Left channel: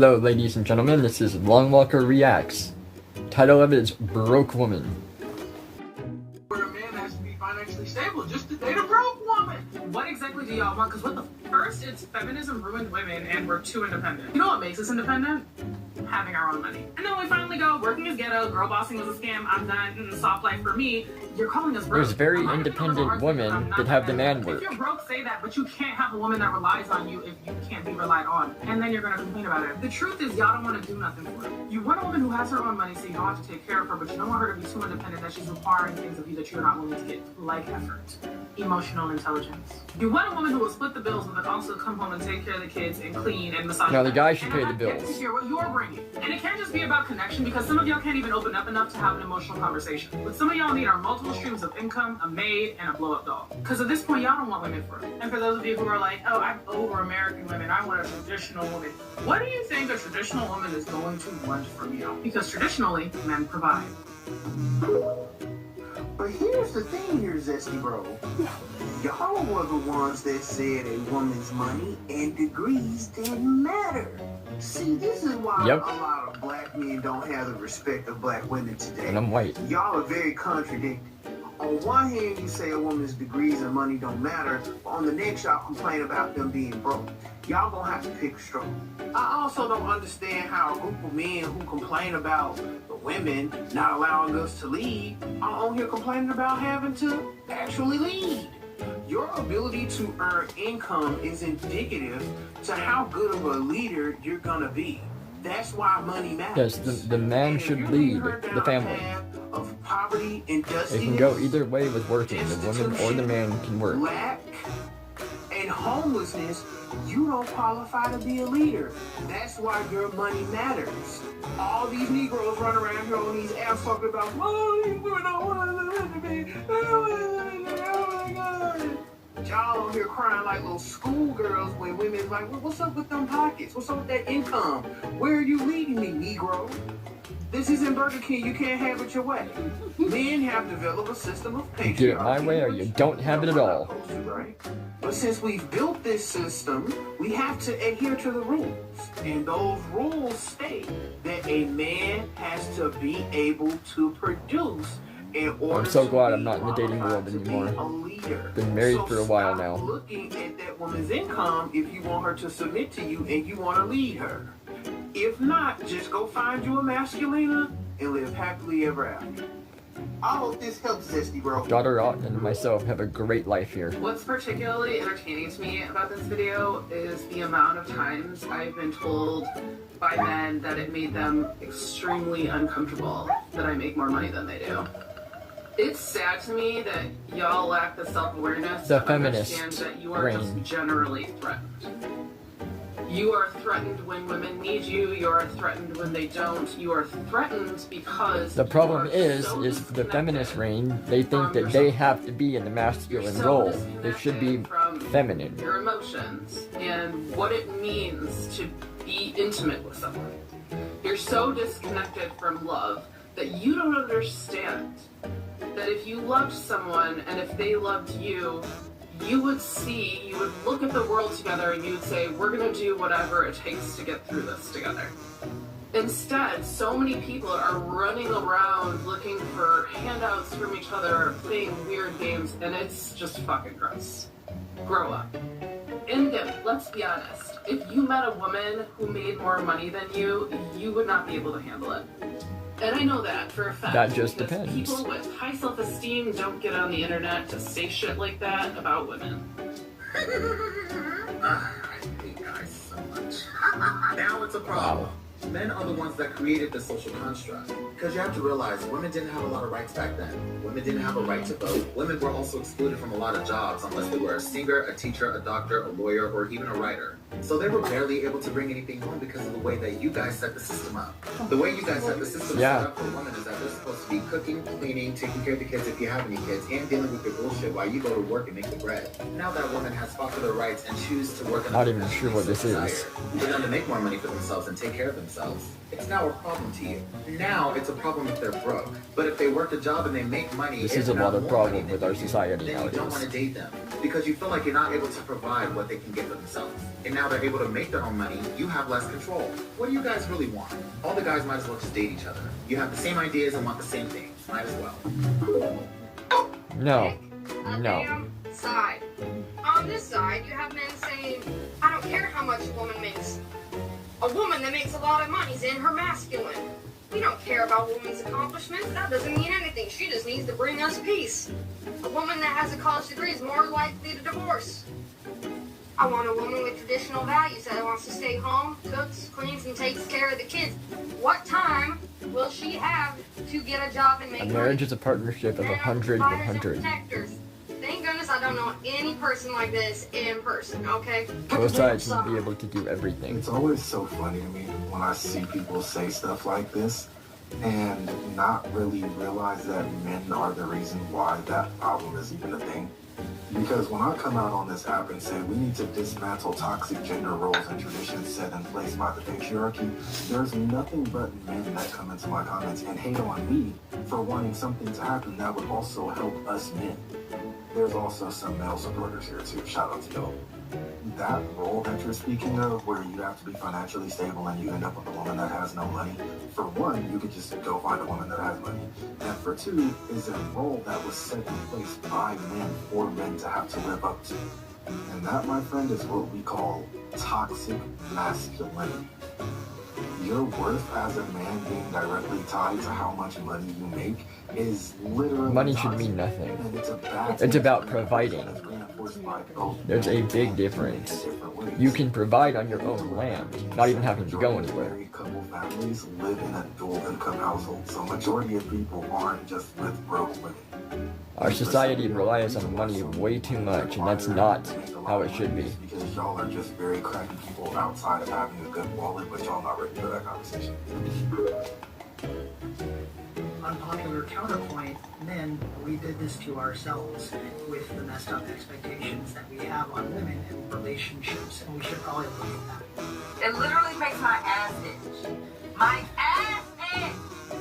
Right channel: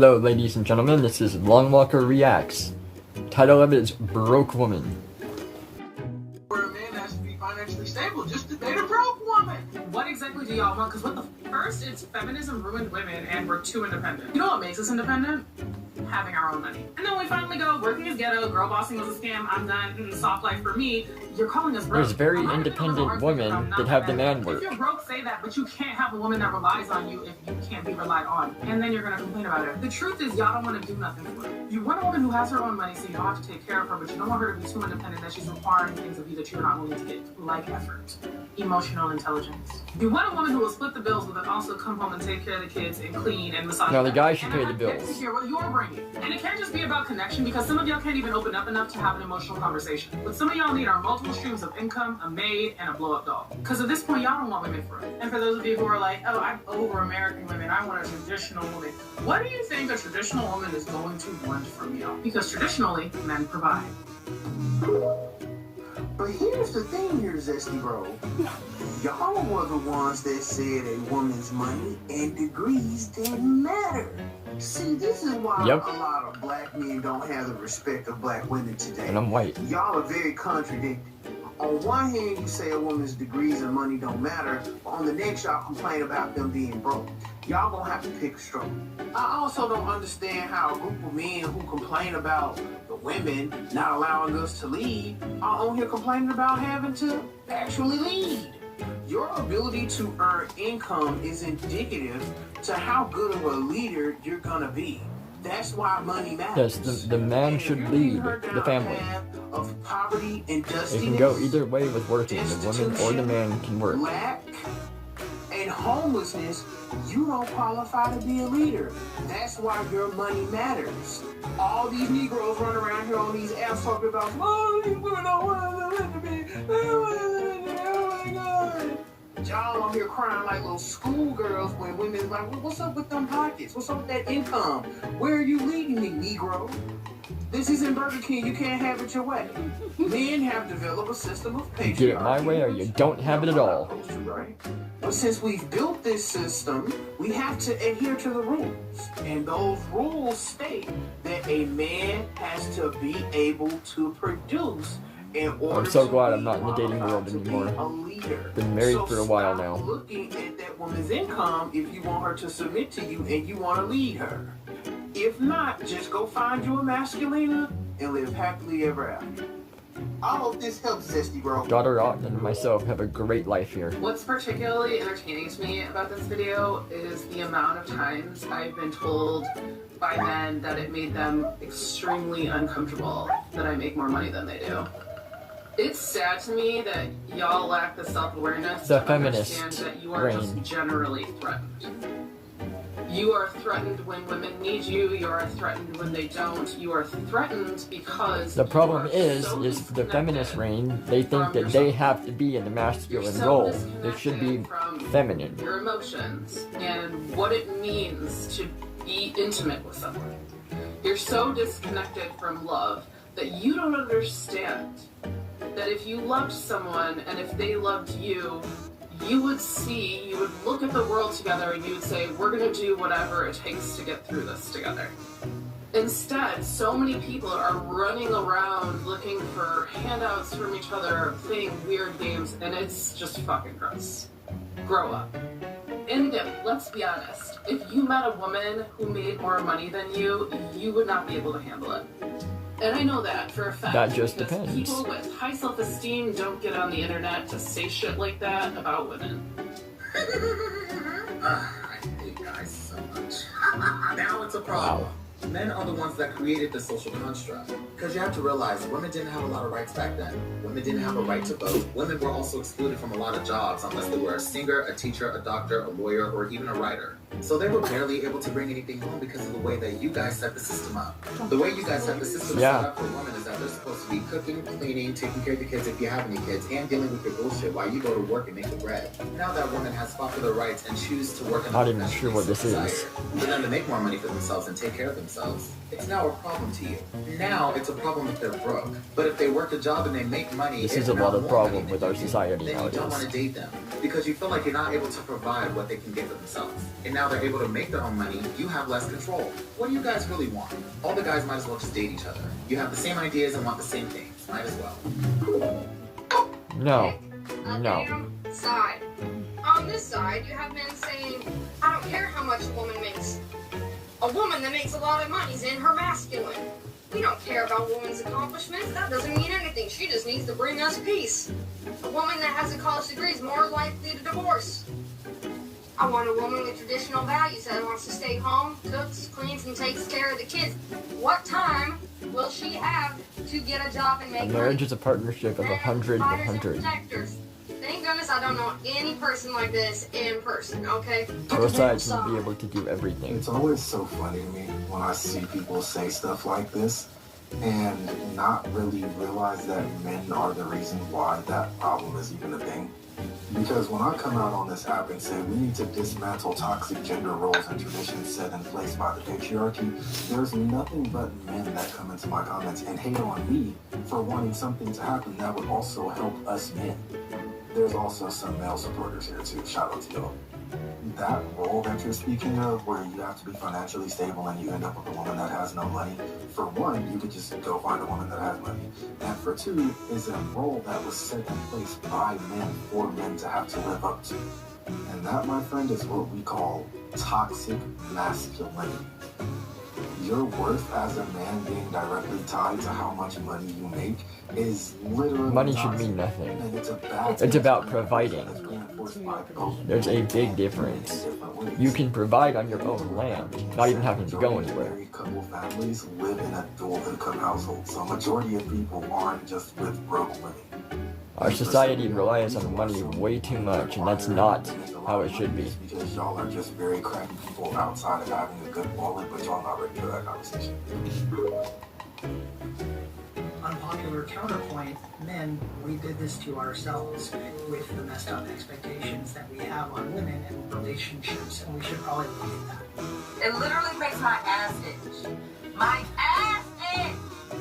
Hello ladies and gentlemen, this is LongWalker Reacts. Title of it is Broke Woman. Where a man has to be financially stable just to date a broke woman. What exactly do y'all want? Because what the first, it's feminism ruined women and we're too independent. You know what makes us independent? Having our own money. And then when we finally go, working is ghetto, girl bossing was a scam, I'm done, soft life for me, you're calling us broke. There's very independent women that have the man work. If you're broke, say that, but you can't have a woman that relies on you if you can't be relied on. And then you're gonna complain about it. The truth is, y'all don't want to do nothing for it. You want a woman who has her own money so you don't have to take care of her, but you don't want her to be too independent that she's requiring things of you that you're not willing to get, like effort, emotional intelligence. You want a woman who will split the bills, but then also come home and take care of the kids and clean and massage. No, the guy should pay the bills. To hear what you're bringing. And it can't just be about connection, because some of y'all can't even open up enough to have an emotional conversation. What some of y'all need are multiple streams of income, a maid, and a blow-up doll. Because at this point, y'all don't want women for it. And for those of you who are like, oh, I'm over American women, I want a traditional woman. What do you think a traditional woman is going to want from you? Because traditionally, men provide. But here's the thing here, Zesty Bro. Y'all were the ones that said a woman's money and degrees didn't matter. See, this is why a lot of black men don't have the respect of black women today. And I'm white. Y'all are very contradictory. On one hand, you say a woman's degrees and money don't matter. On the next, y'all complain about them being broke. Y'all gonna have to pick a straw. I also don't understand how a group of men who complain about the women not allowing us to lead are on here complaining about having to actually lead. Your ability to earn income is indicative to how good of a leader you're gonna be. That's why money matters. Yes, the man should lead the family. Of poverty, It can go either way with working. The woman or the man can work. Lack and homelessness, you don't qualify to be a leader. That's why your money matters. All these Negroes run around here on these apps talking about, oh, these women don't want to be. Oh my God. Y'all on here crying like little schoolgirls when women's like, well, what's up with them pockets? What's up with that income? Where are you leading me, Negro? This isn't Burger King. You can't have it your way. Men have developed a system of patriarchy. You get it my way or you don't have it at all. But since we've built this system, we have to adhere to the rules. And those rules state that a man has to be able to produce in order. I'm so glad I'm not in the dating world anymore. Been married for a while now. Looking at that woman's income if you want her to submit to you and you want to lead her. If not, just go find you a masculina and live happily ever after. I hope this helps, Zesty Bro. Daughter Ott and myself have a great life here. What's particularly entertaining to me about this video is the amount of times I've been told by men that it made them extremely uncomfortable that I make more money than they do. It's sad to me that y'all lack the self-awareness The to feminist understand that you are brain. just generally threatened. You are threatened when women need you. You are threatened when they don't. You are threatened because The problem is so the feminist reign, they think that they have to be in the masculine role. They should be feminine. Your emotions and what it means to be intimate with someone. You're so disconnected from love that you don't understand that if you loved someone and if they loved you, you would look at the world together and you would say, we're going to do whatever it takes to get through this together. Instead, so many people are running around looking for handouts from each other, playing weird games, and it's just fucking gross. Grow up. And again, let's be honest. If you met a woman who made more money than you, you would not be able to handle it. And I know that for a fact. That just depends. People with high self-esteem don't get on the internet to say shit like that about women. I hate guys so much. Now it's a problem. Wow. Men are the ones that created the social construct. Because you have to realize women didn't have a lot of rights back then. Women didn't have a right to vote. Women were also excluded from a lot of jobs unless they were a singer, a teacher, a doctor, a lawyer, or even a writer. So they were barely able to bring anything home because of the way that you guys set the system up. The way you guys have the system set up for women is that they're supposed to be cooking, cleaning, taking care of the kids if you have any kids, and dealing with your bullshit while you go to work and make the bread. Now that woman has fought for their rights and choose to work in Not even sure what this is. for them to make more money for themselves and take care of themselves. It's now a problem to you. Now it's a problem if they're broke. But if they work a job and they make money, This is a lot of problem with our society then you don't want nowadays. to date them because you feel like you're not able to provide what they can get for themselves. And now they're able to make their own money, you have less control. What do you guys really want? All the guys might as well just date each other. You have the same ideas and want the same things. Might as well. No. On No. the side. On this side, you have men saying, I don't care how much a woman makes. A woman that makes a lot of money is in her masculine. We don't care about a woman's accomplishments. That doesn't mean anything. She just needs to bring us peace. A woman that has a college degree is more likely to divorce. I want a woman with traditional values that wants to stay home, cooks, cleans, and takes care of the kids. What time will she have to get a job and make A money? marriage is a partnership of 100 100. Thank goodness I don't know any person like this in person, okay? Both sides need to be able to do everything. It's always so funny to me when I see people say stuff like this and not really realize that men are the reason why that problem is even a thing. Because when I come out on this app and say we need to dismantle toxic gender roles and traditions set in place by the patriarchy, there's nothing but men that come into my comments and hate on me for wanting something to happen that would also help us men. There's also some male supporters here too. Shout out to y'all. That role that you're speaking of, where you have to be financially stable and you end up with a woman that has no money, for one, you could just go find a woman that has money. And for two, is a role that was set in place by men for men to have to live up to. And that, my friend, is what we call toxic masculinity. Your worth as a man being directly tied to how much money you make is literally Money should toxic. mean nothing. And it's a bad It's about thing. providing. It's reinforced by both There's a men big and difference. in different ways. You can provide on your own land, not even having to go anywhere. Married couple families live in a dual income household, so majority of people aren't just with broke women. Our society relies on money way too much, and that's not how it should be. Because y'all are just very crappy people outside of having a good wallet, but y'all not ready for that conversation. Unpopular counterpoint, men, we did this to ourselves with the messed up expectations that we have on women and relationships, and we should probably look at that. It literally makes my ass itch. My ass itch!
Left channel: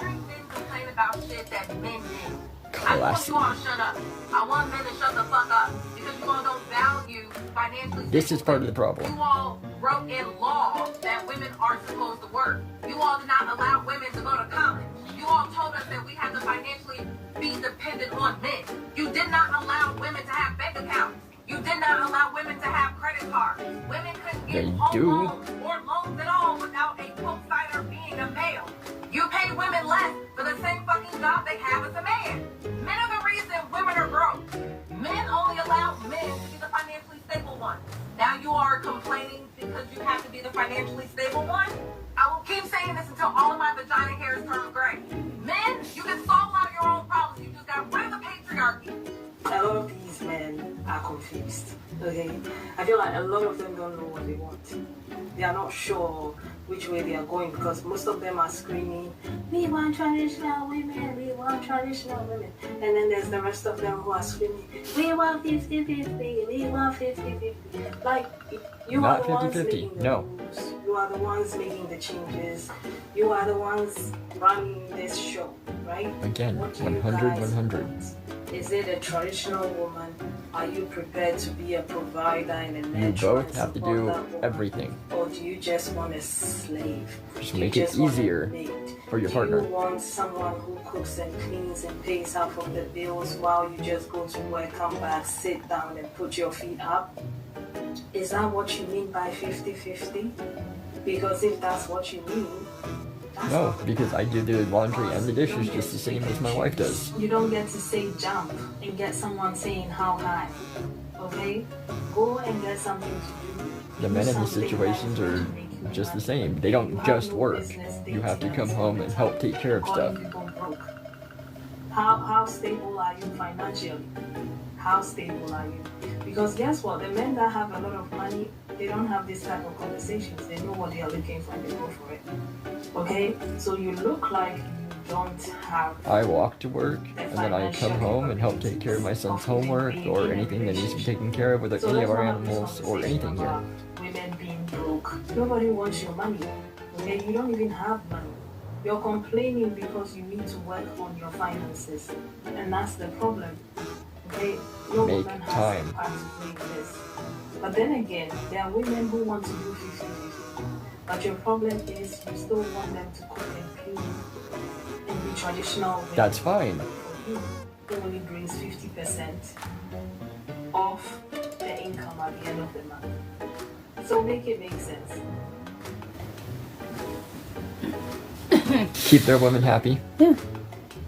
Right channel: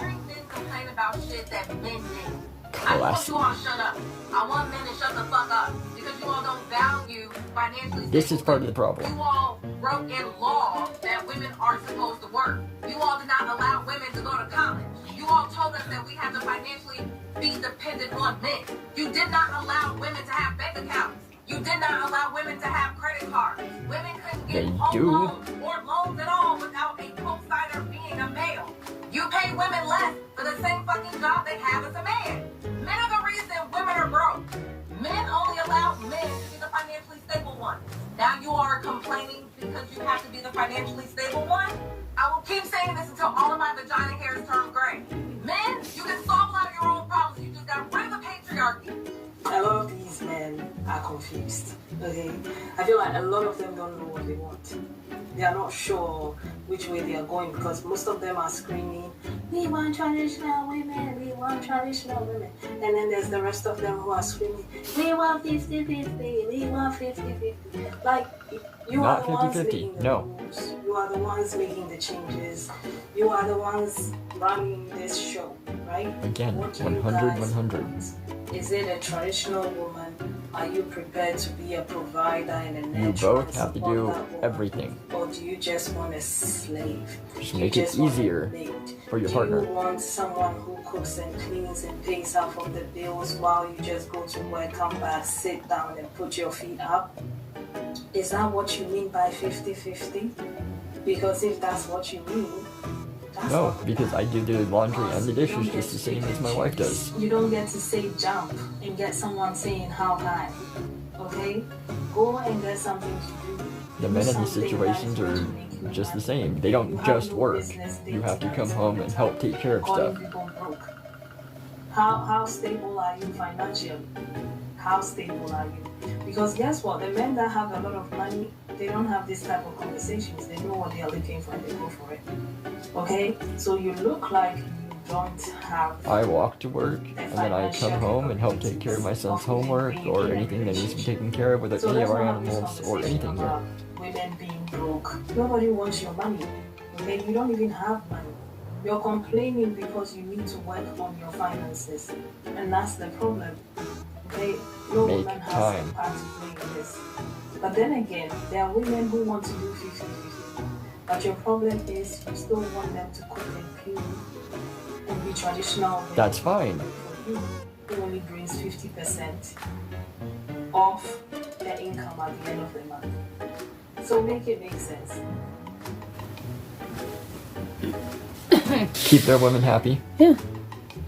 Hearing men complain about shit that men do. I want Classic. you all to shut up. I want men to shut the fuck up because you all don't value financially. This is part of the problem. You all wrote in law that women aren't supposed to work. You all did not allow women to go to college. You all told us that we have to financially be dependent on men. You did not allow women to have bank accounts. You did not allow women to have credit cards. Women couldn't get They home do. loans or loans at all without a co-signer being a male. You pay women less for the same fucking job they have as a man. Men are the reason women are broke. Men only allow men to be the financially stable one. Now you are complaining because you have to be the financially stable one? I will keep saying this until all of my vagina hairs turn gray. Men, you can solve a lot of your own problems. You just got rid of the patriarchy. A lot of these men are confused. Okay, I feel like a lot of them don't know what they want. They are not sure which way they are going because most of them are screaming, "We want traditional women. We want traditional women." And then there's the rest of them who are screaming, "We want 50-50. We want 50-50." Like you Not are the ones 50-50, making the no. rules. You are the ones making the changes. You are the ones running this show, right? Again, What do you 100 guys 100. want? Is it a traditional woman? Are you prepared to be a provider and a nurturer? You both and have to support do that woman? everything. Or do you just want a slave? Just Do you make it just want a easier maid? for your Do partner. you want someone who cooks and cleans and pays half of the bills while you just go to work, come back, sit down and put your feet up? Is that what you mean by 50-50? Because if that's what you mean, that's No, not because I do the laundry and the dishes just the same as my wife does. You don't get to say jump and get someone saying how high. Okay? Go and get something to do. The men in these situations are just the same. They don't just work. You have to come home and help take care of stuff. How stable are you financially? How stable are you? Because guess what? The men that have a lot of money, they don't have this type of conversations. They know what they are looking for and they go for it. Okay? So you look like you don't have I walk to work, and then I come home and help take care of my son's homework or anything that needs to be taken care of with any of our animals or anything here. Women being broke. Nobody wants your money. Okay? You don't even have money. You're complaining because you need to work on your finances. And that's the problem. Okay? No Make woman has time. a part to play in this. But then again, there are women who want to do 50-50. But your problem is you still want them to cook and clean and be traditional. That's fine. Who only brings 50% of their income at the end of the month. So make it make sense. Keep their women happy. Yeah.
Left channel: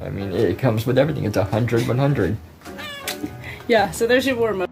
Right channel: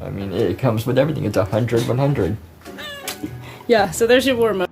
I mean, it comes with everything. It's 100, 100. Yeah, so there's your war mode.